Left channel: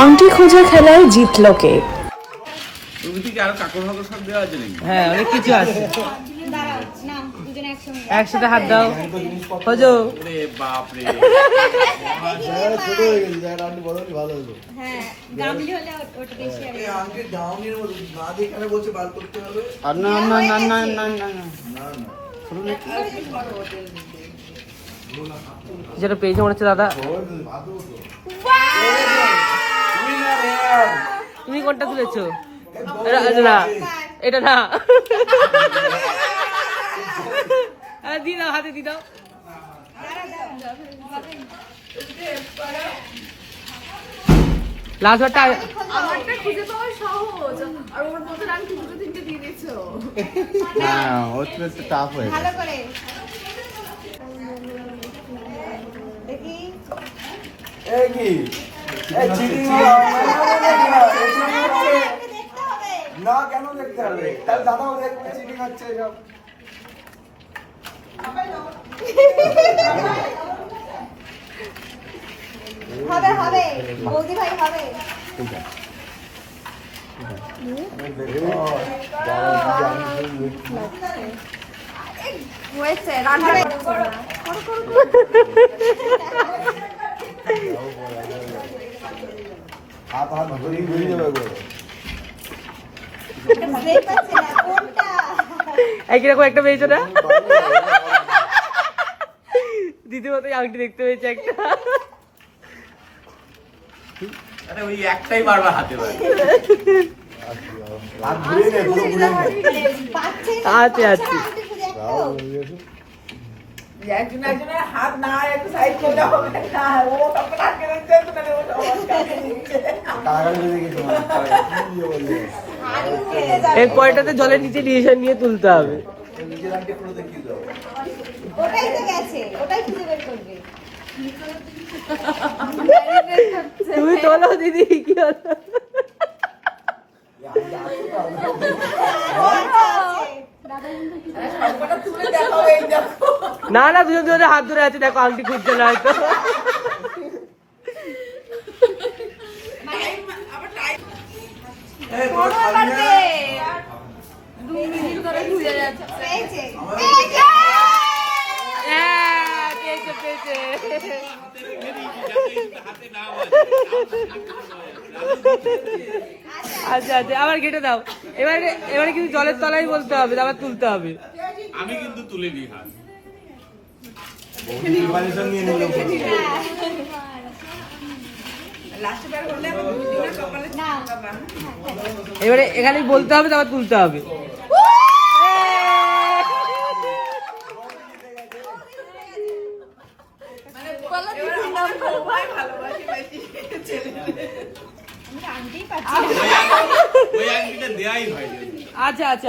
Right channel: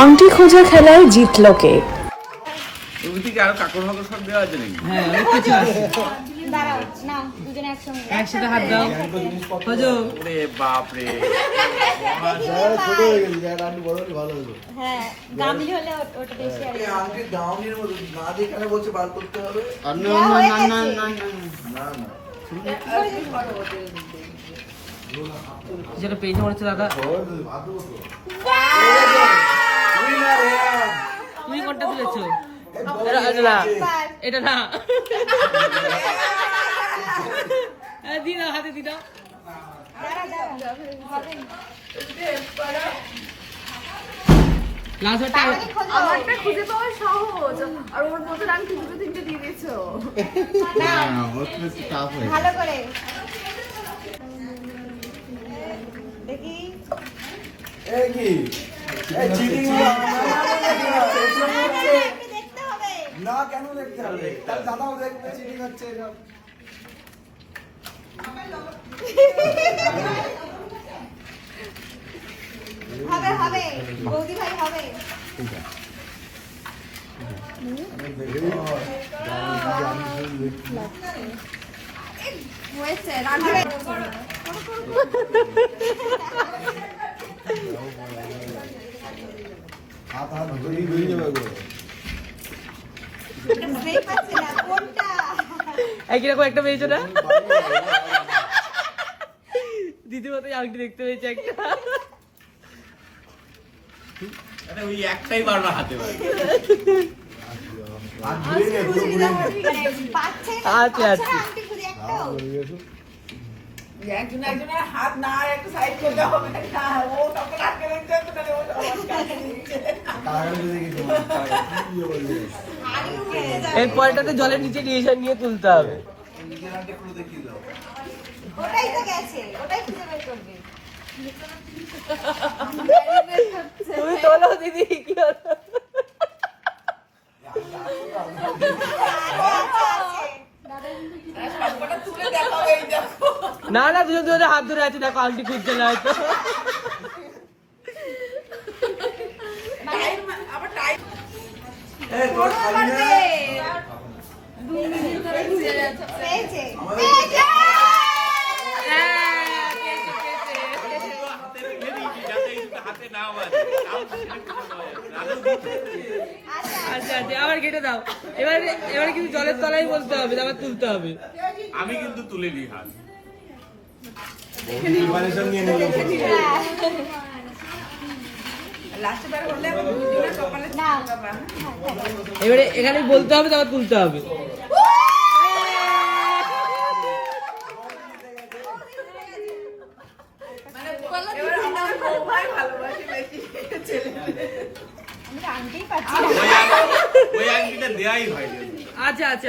আংটি খোঁজা খেলায় জিতল কে? তুমি কি আরো কাকর ফাকর সব দেওয়া আছে নাকি? হ্যাঁ অনেক কিছু আছে। দাঁড়াও না, দুজনে একসাথে হাত দাও। খোঁজো। ওরে বাপ রে। ছোট হয়ে গেছে, আপনি বড় হলে ভালো হলো। হ্যাঁ, গামলি হলে ওটা বেশি আর আগে গাউনির মতো না যেখানে বসে বার করতে হবে। আর না, না, না, না, না, না না যেটা পেয়েছে মনে হচ্ছে দাদা। তুমি কোনটা তুলেছো? এটা না, এটা না। দি দাও, হাতে দি দাও। লাস্ট ওটা আমারটা খুঁজে পাওয়া সহজ আর ওর মধ্যে আমি দুটো তিনটে দিয়ে দিয়েছো। না ওটা একটু টাফ হয়ে ভালো করে দেখি। এই কি এই চিনি দেখতে হবে। না কেন দেখতে হবে? দাদাও দেখবে চিনি হচ্ছে সব। হবে হবে বৌদি ভাই হবে। হয়েছে হবে। হাত হাত ঘুরিয়ে ঘুরিয়ে যাবে গো। বুঝতেই পারছি না কোনটা। একই রকম একটা পেয়েছো না? দিদি মতো আংটি দেখতে পেয়েছে একটা। আরে ওই একটাই বারবার হাতে পারে। হাত ঘুরিয়ে নে, পুরো ঘুরিয়ে নে। পাচ্ছি না, আছে, পাচ্ছি আছে। না আংটি খুঁজে একটাও। একজনের হাত না একটু সাইড করলে হবে না, ও সব রাখতে রাখতে তাহলে ও সব কারাগারে দেখি তোমার কি বললে? হাড়ি উড়ে যাবে। এই পয়টাতে জলের নিচে নিয়ে তুলতে হবে। নিজের আন্টি পুরো দেখিয়ে দাও। ওটাই তো গেছে, ওটাই খুঁজে বের করবে। তুমি তোলো দিদি, কি হলো? সবকটা তুলে দেখো এই দেখো। না না, দুজন দুজনে হাত ধরে আছে, দেখো আংটি খুঁজছে না হয়তো। আবার টাইম এই তোর খালি না। দু মিনিট ধরে ঘুরে যাচ্ছে। পেয়েছে। হ্যাঁ, পেয়েছে, পেয়েছে। হাতে রেখে দিয়েছি যাতে এই দুটো হাতে না বাজে। আচ্ছা আচ্ছা, আবার কেটে দাও। এবারে কিন্তু জলের তলায় বলতে হবে, আবার তুলতে হবে। আমি কিন্তু তুলে নিই হাত। প্রিপারেশন নিয়ে নিল। লাস্টে বার হলে আবার দুজনে সকালে না। বাবা এবারে এখানে বলতে হবে, তারপর তুলতে হবে। এবার আমার বউ ভাই ভালোবাসি বেশি ছেলে। আমি তো আংটিই পাচ্ছি ওই না। ওই আংটিটা দেয়াই হয়নি। আচ্ছা আচ্ছা।